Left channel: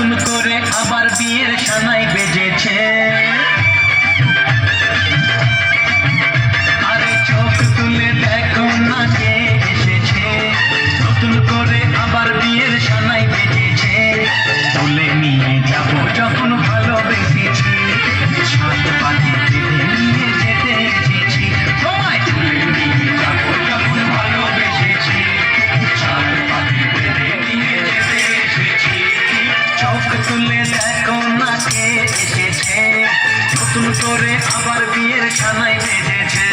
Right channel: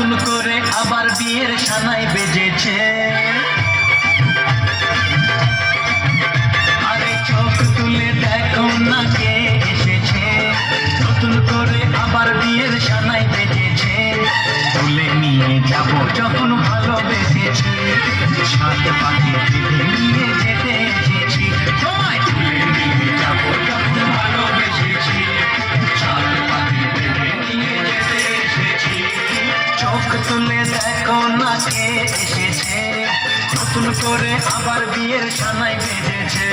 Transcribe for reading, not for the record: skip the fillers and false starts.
নতুন করে আবার বিয়ের সানাই বেজেছে। আরে চোখ তুলে দেখো না কে এসেছে, নতুন করে আবার বিয়ের সানাই বেজেছে। তুলে নিয়ে যাবো যখন ভালোবেসেছি, সাত পাখি বেঁধে নিয়ে যেতে এসেছি। তোমায় তুলে নিয়ে যাবো যখন ভালোবেসেছি, সাত পাখি বেঁধে নিয়ে যেতে এসেছি। চোখ তুলে দেখো না কে এসেছে, নতুন করে আবার বিয়ের সানাই বেজেছে।